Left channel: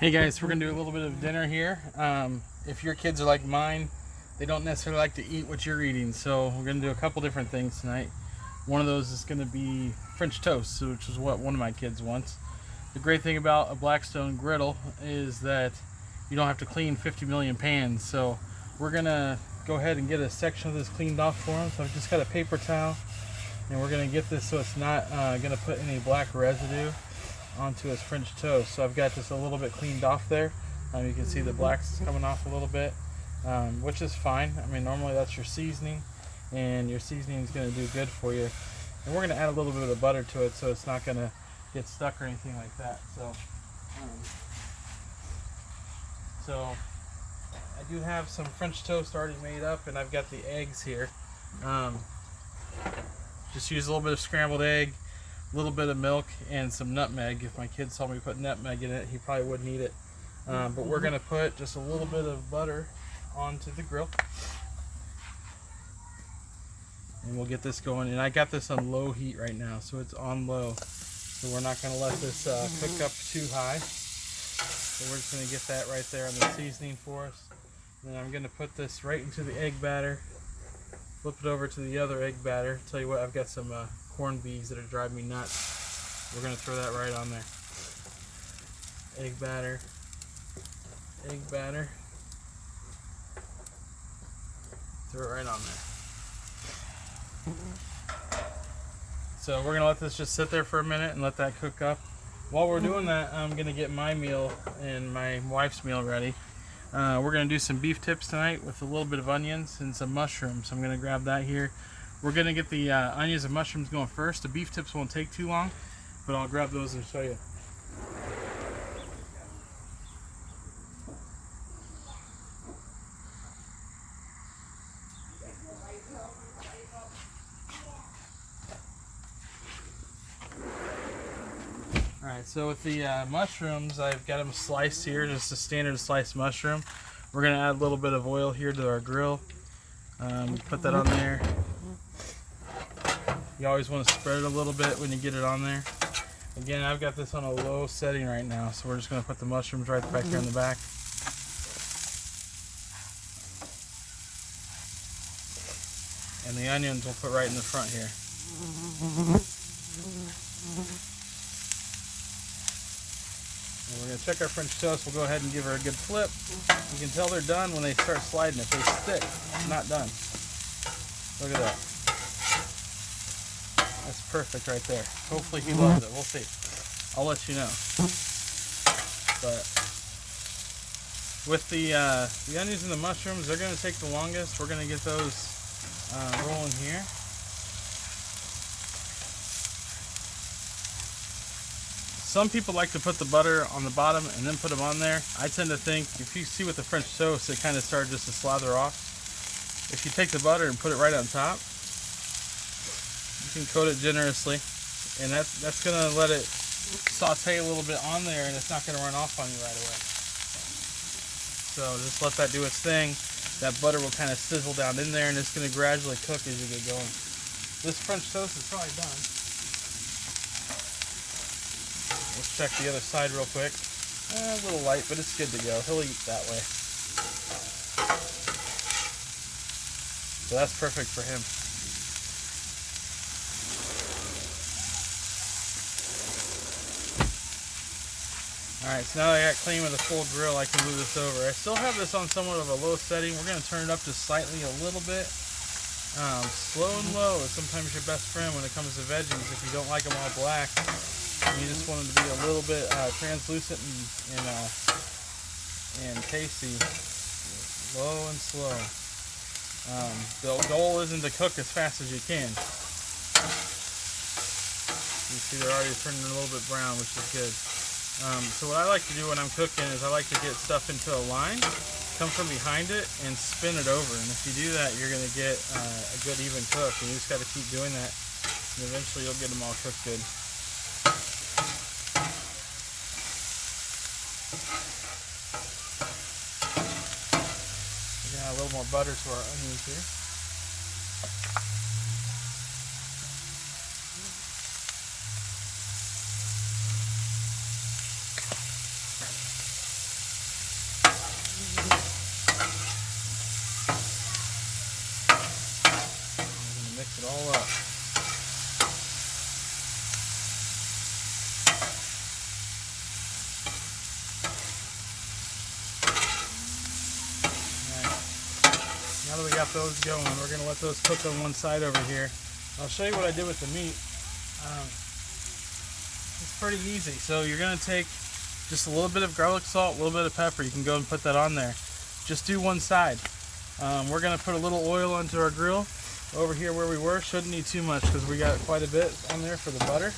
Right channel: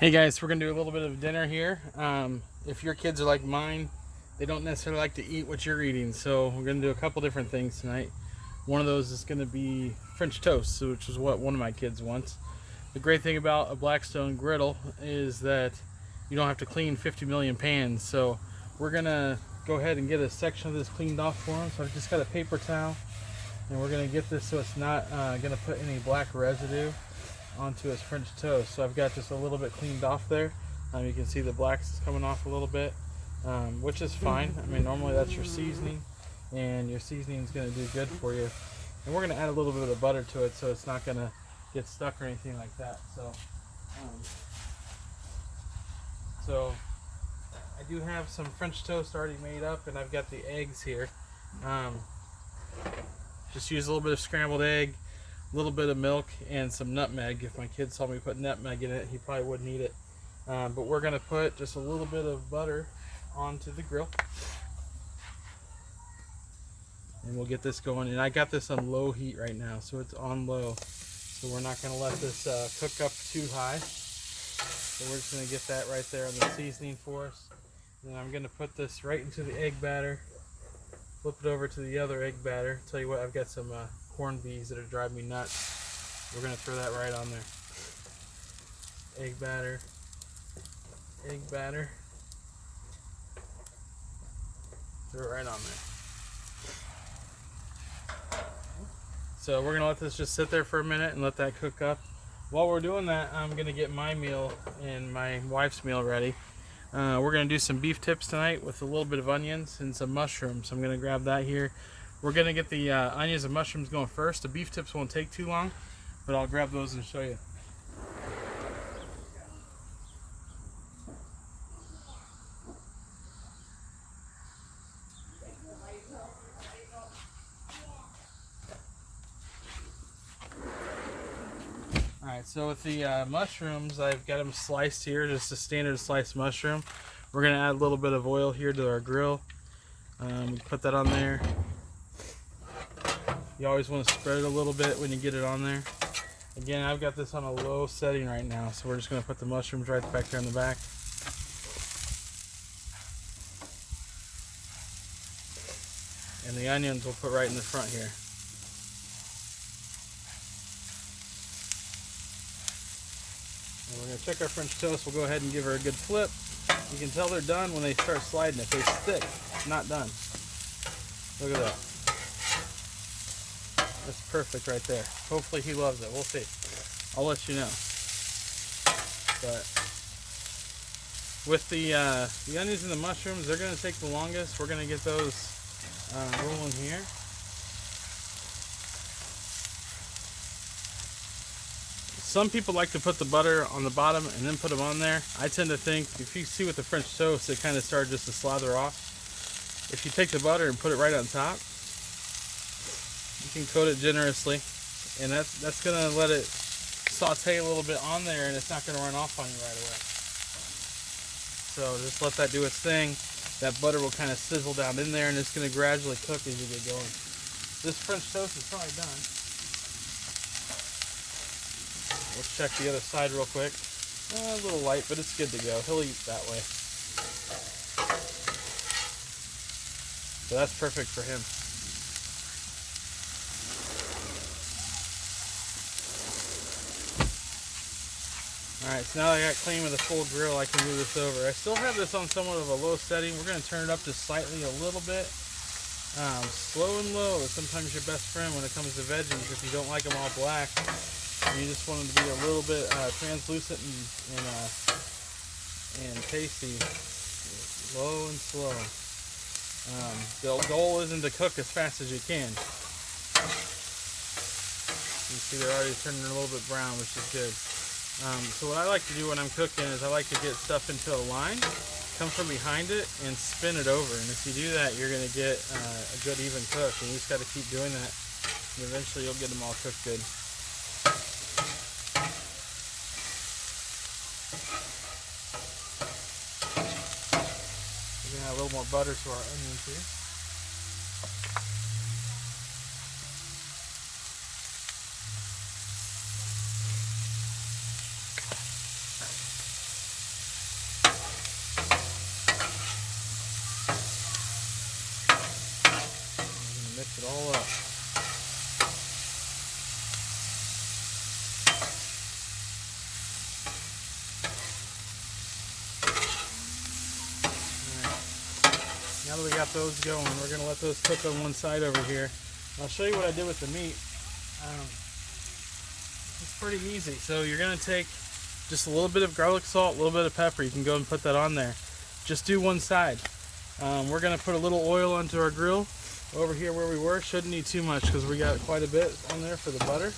Hey guys, we're gonna do a little bit of dinner here. If your kids are like mine, they don't necessarily like to eat what you're eating, so we're gonna do a couple different things tonight. One of those is gonna be French toast, which is what one of my kids wants. The great thing about a Blackstone Griddle is that you don't have to clean 50 million pans, so we're gonna go ahead and get a section of this cleaned off for them. So I've just got a paper towel, and we're gonna get this so it's not gonna put any black residue onto his French toast. So I've got just a little bit cleaned off there. You can see the blacks coming off a little bit, which is fine. I mean, normally that's your seasoning, and your seasoning is going to do good for you. And we're going to add a little bit of the butter to it so it's not going to get stuck or anything like that. So I do have some French toast already made up, and I've got the eggs here. Just use a little bit of scrambled egg, a little bit of milk, and some nutmeg. If my kids told me to put nutmeg in it, he probably wouldn't eat it. But we're going to put just a little bit of butter onto the grill. And we'll get this going. And I got this on low heat right now, so it's on low. So we're not going to let this cook up too high. So we're just going to get that right there on the seasoning for us. And then I'm going to put this right into the egg batter. Flip it over to the other egg batter. Tell you what, I've got some corn bees that are driving me nuts. We're going to throw that right on there. Egg batter. Egg batter. Throw it right on there. So we're going to let this just sit there for a minute and let that cook up. While we're doing that, I'm going to get my meal and my wife's meal ready. We're going to do some beef tips tonight with a little bit of onions and some mushrooms. I'm going to grab that here. We're going to get the onions and mushrooms going first. The beef tips won't take too long, but I'll grab those and show you. Alright, so with the mushrooms, I've got them sliced here, just a standard sliced mushroom. We're going to add a little bit of oil here to our grill. Put that on there. You always want to spread it a little bit when you get it on there. Again, I've got this on a low setting right now, so we're just going to put the mushrooms right back here in the back. And the onions we'll put right in the front here. And we're going to check our French toast. We'll go ahead and give her a good flip. You can tell they're done when they start sliding. If they stick, not done. Look at that. That's perfect right there. Hopefully he loves it. We'll see. I'll let you know. But with the onions and the mushrooms, they're going to take the longest. We're going to get those rolling here. Some people like to put the butter on the bottom and then put them on there. I tend to think, if you see with the French toast, it kind of starts just to slather off. If you take the butter and put it right on top, you can coat it generously, and that's going to let it saute a little bit on there, and it's not going to run off on you right away. So just let that do its thing. That butter will kind of sizzle down in there, and it's going to gradually cook as you get going. This French toast is probably done. Let's check the other side real quick. A little light, but it's good to go. He'll eat that way. So that's perfect for him. Alright, so now that I got clean with a full grill, I can move this over. I still have this on somewhat of a low setting. We're going to turn it up just slightly a little bit. Slow and low is sometimes your best friend when it comes to veggies if you don't like them all black. And you just want them to be a little bit translucent and tasty. Low and slow. The goal isn't to cook as fast as you can. You see they're already turning a little bit brown, which is good. So what I like to do when I'm cooking is I like to get stuff into a line, come from behind it, and spin it over. And if you do that, you're going to get a good even cook. And you just got to keep doing that, and eventually you'll get them all cooked good. We're going to add a little more butter to our onions here. got those going. We're going to let those cook on one side over here. I'll show you what I did with the meat. It's pretty easy. So you're going to take just a little bit of garlic salt, a little bit of pepper. You can go and put that on there. Just do one side. We're going to put a little oil onto our grill. Over here where we were, shouldn't need too much because we got quite a bit on there for the butter.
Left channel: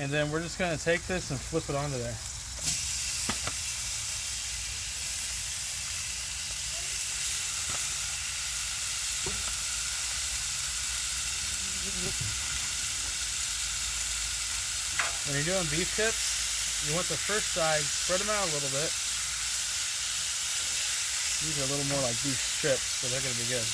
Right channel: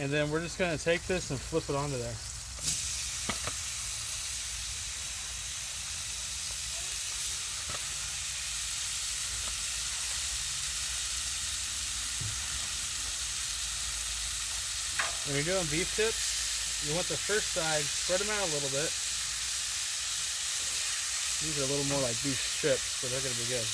And then we're just going to take this and flip it onto there. When you're doing beef tips, you want the first side, spread them out a little bit. These are a little more like beef strips, but they're going to be good.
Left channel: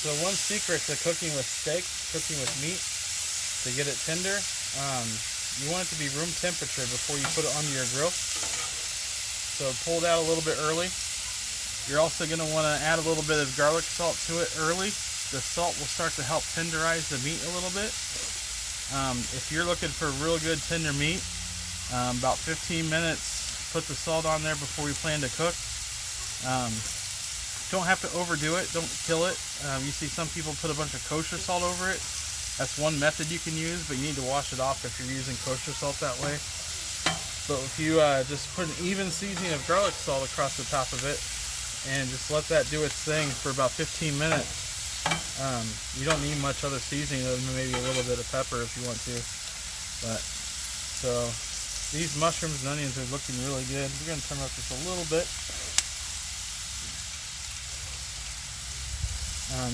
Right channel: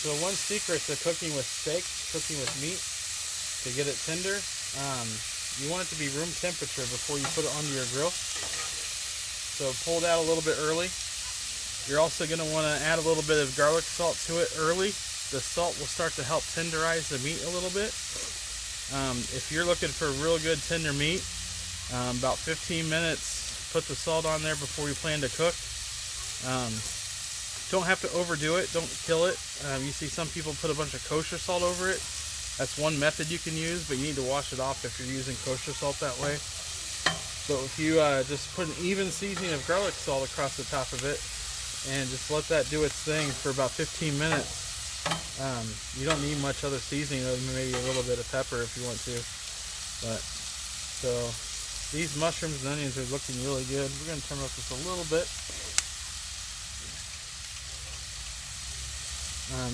So one secret to cooking with steak, cooking with meat, to get it tender, you want it to be room temperature before you put it onto your grill. So pull it out a little bit early. You're also going to want to add a little bit of garlic salt to it early. The salt will start to help tenderize the meat a little bit. If you're looking for real good tender meat, about 15 minutes, put the salt on there before you plan to cook. Don't have to overdo it, don't kill it. You see some people put a bunch of kosher salt over it. That's one method you can use, but you need to wash it off if you're using kosher salt that way. So if you just put an even seasoning of garlic salt across the top of it and just let that do its thing for about 15 minutes, you don't need much other seasoning other than maybe a little bit of pepper if you want to. So these mushrooms and onions are looking really good. We're going to turn them up just a little bit.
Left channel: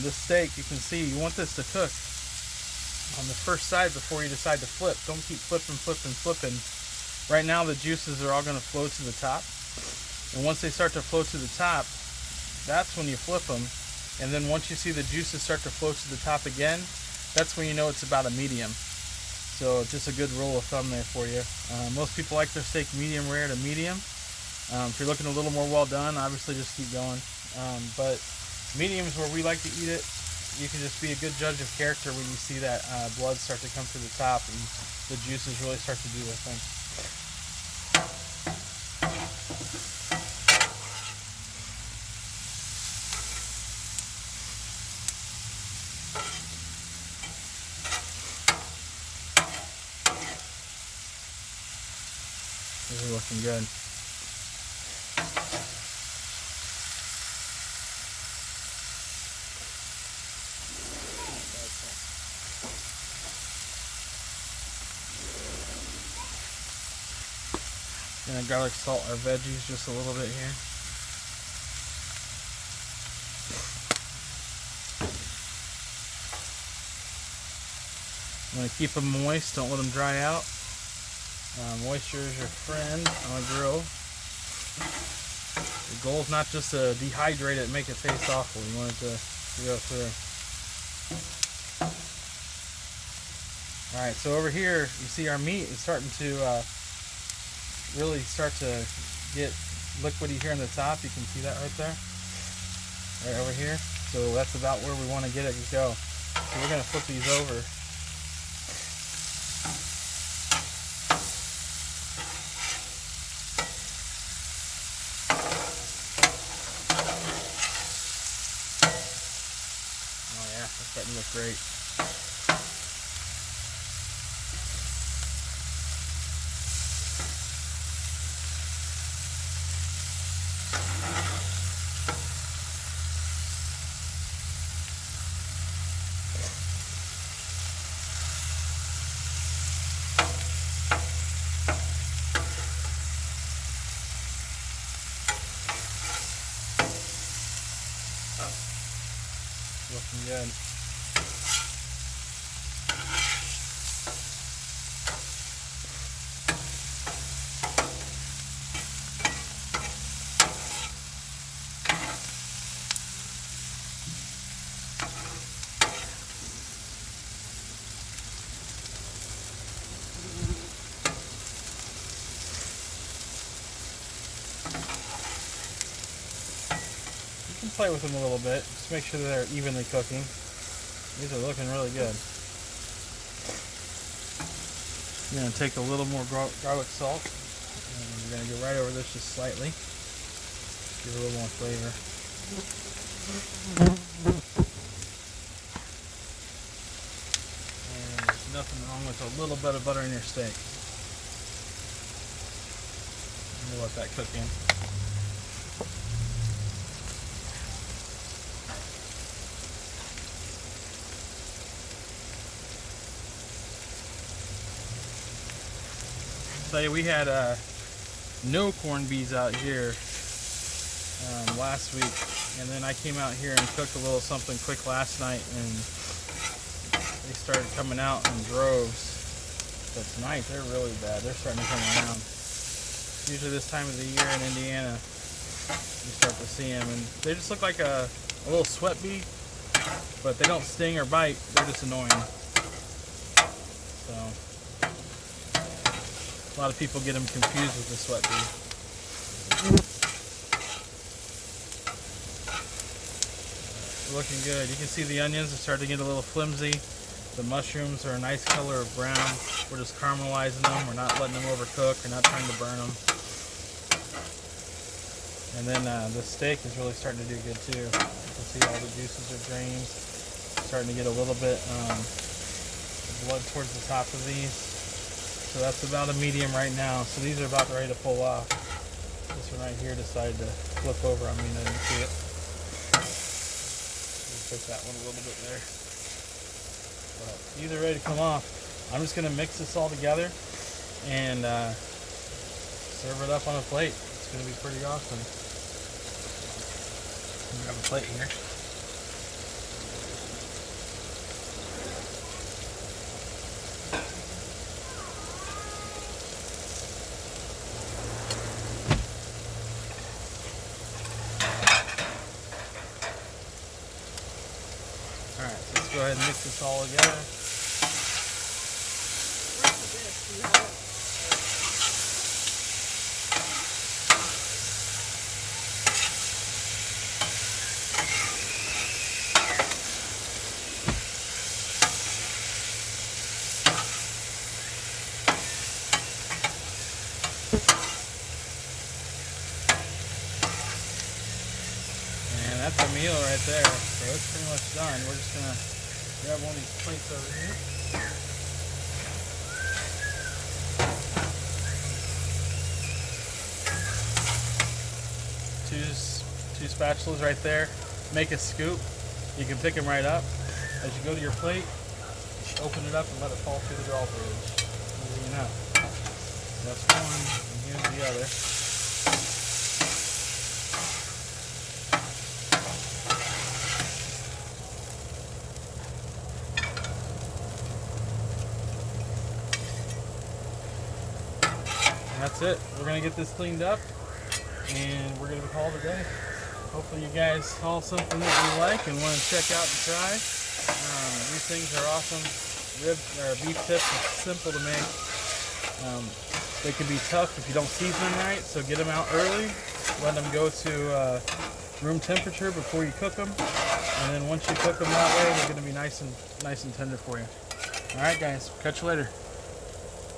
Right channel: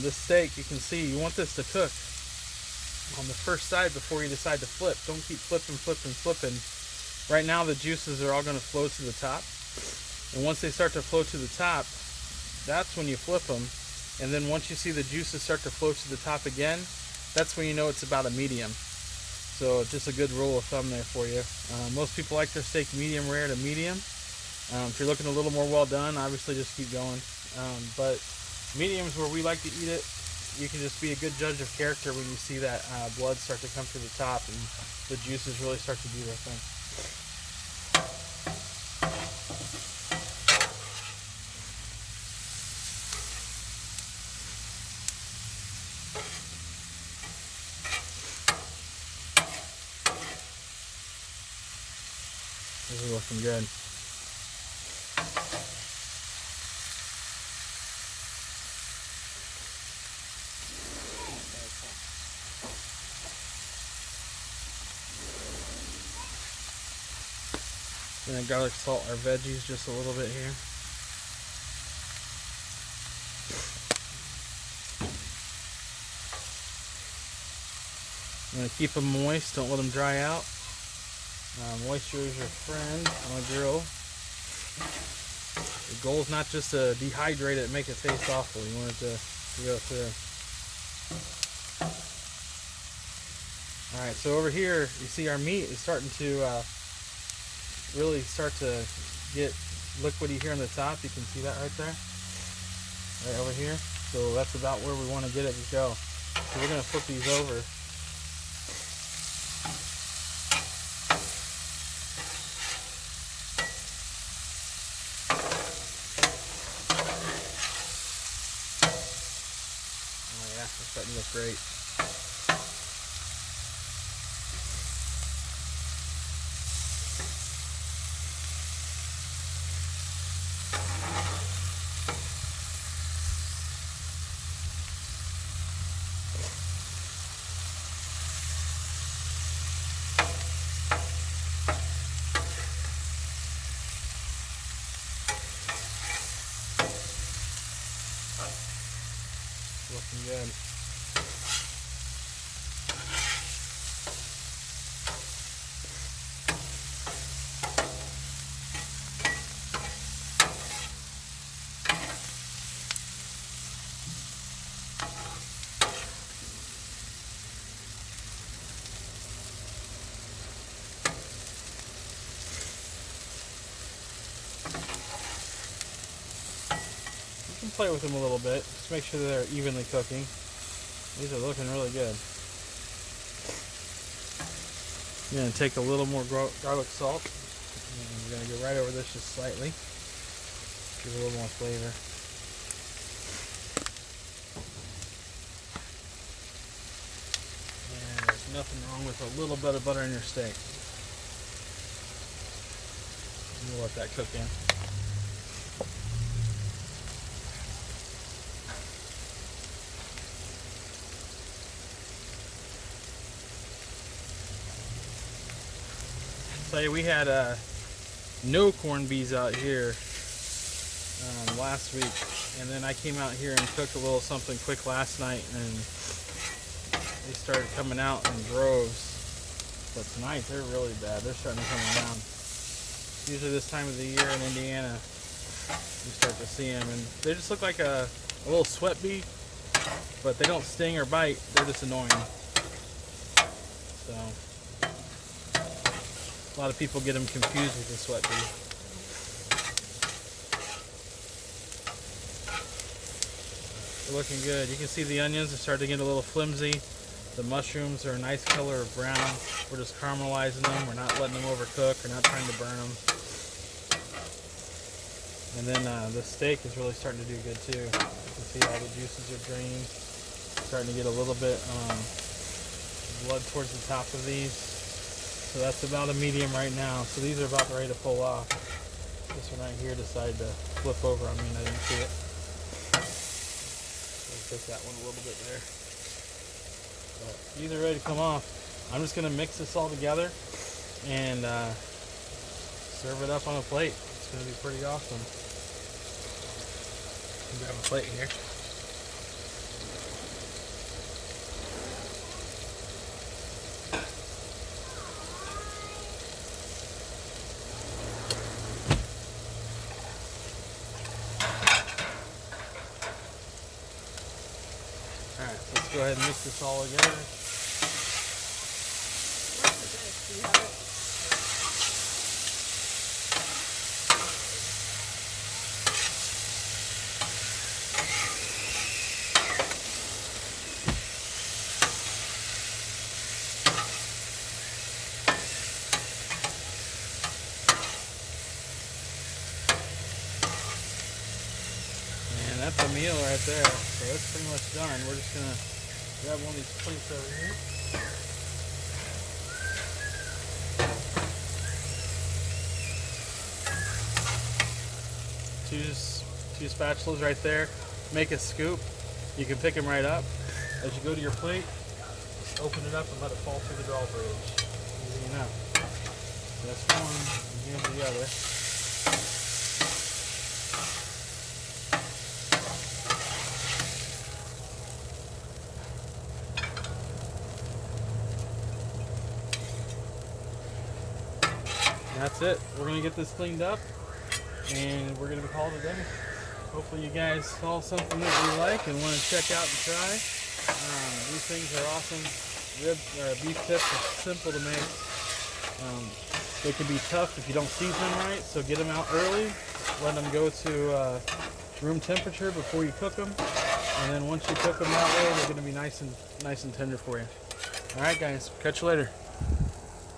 This steak, you can see, you want this to cook on the first side before you decide to flip. Don't keep flipping. Right now the juices are all going to flow to the top. And once they start to flow to the top, that's when you flip them. And then once you see the juices start to flow to the top again, that's when you know it's about a medium. So just a good rule of thumb there for you. Most people like their steak medium rare to medium. If you're looking a little more well done, obviously just keep going. But mediums where we like to eat it, you can just be a good judge of character when you see that blood start to come to the top and the juices really start to do their thing. This is looking good. Gonna garlic salt our veggies just a little bit here. I'm gonna keep them moist, don't let them dry out. Moisture is your friend on a grill. The goal is not just to dehydrate it and make it taste awful. You want it to go through. Alright, so over here you see our meat is starting to really start to get liquidy here on the top. You can see that right there, right over here. So that's about where we want to get it to go. So we're going to flip these over. Oh yeah, that's starting to look great. Looking good. Play with them a little bit, just make sure they're evenly cooking. These are looking really good. I'm going to take a little more garlic salt, And we're going to go right over this just slightly. Give it a little more flavor. And there's nothing wrong with a little bit of butter in your steak. We'll let that cook in. So we had no corned beef out here last week, and then I came out here and cooked a little something quick last night, and they started coming out in droves. But tonight they're really bad. They're starting to come around. Usually this time of the year in Indiana, you start to see them, and they just look like a little sweat bee, but they don't sting or bite. They're just annoying. So a lot of people get them confused with the sweat bee. They're looking good. You can see the onions are starting to get a little flimsy. The mushrooms are a nice color of brown. We're just caramelizing them. We're not letting them overcook. We're not trying to burn them. And then the steak is really starting to do good too. You can see all the juices are drained. Starting to get a little bit blood towards the top of these. So that's about a medium right now. So these are about ready to pull off. This one right here decided to flip over on me and I didn't see it. We'll take that one a little bit there. But these are ready to come off. I'm just going to mix this all together and serve it up on a plate. It's going to be pretty awesome. Grab a plate here. Alright, so let's go ahead and mix this all together. And that's a meal right there. So it's pretty much done. We're just going to grab one of these plates over here. Two spatulas right there. Make a scoop. You can pick them right up. As you go to your plate, just open it up and let it fall through the drawbridge. Easy enough. That's one, and here's the other. And that's it. We're going to get this cleaned up and we're going to be called a day. Hopefully you guys saw something that you like and want to check out and try. These things are awesome. Beef tips are simple to make. They can be tough if you don't season them right, so get them out early. Let them go to room temperature before you cook them. And then once you cook them that way, they're going to be nice and tender for you. All right, guys. Catch you later.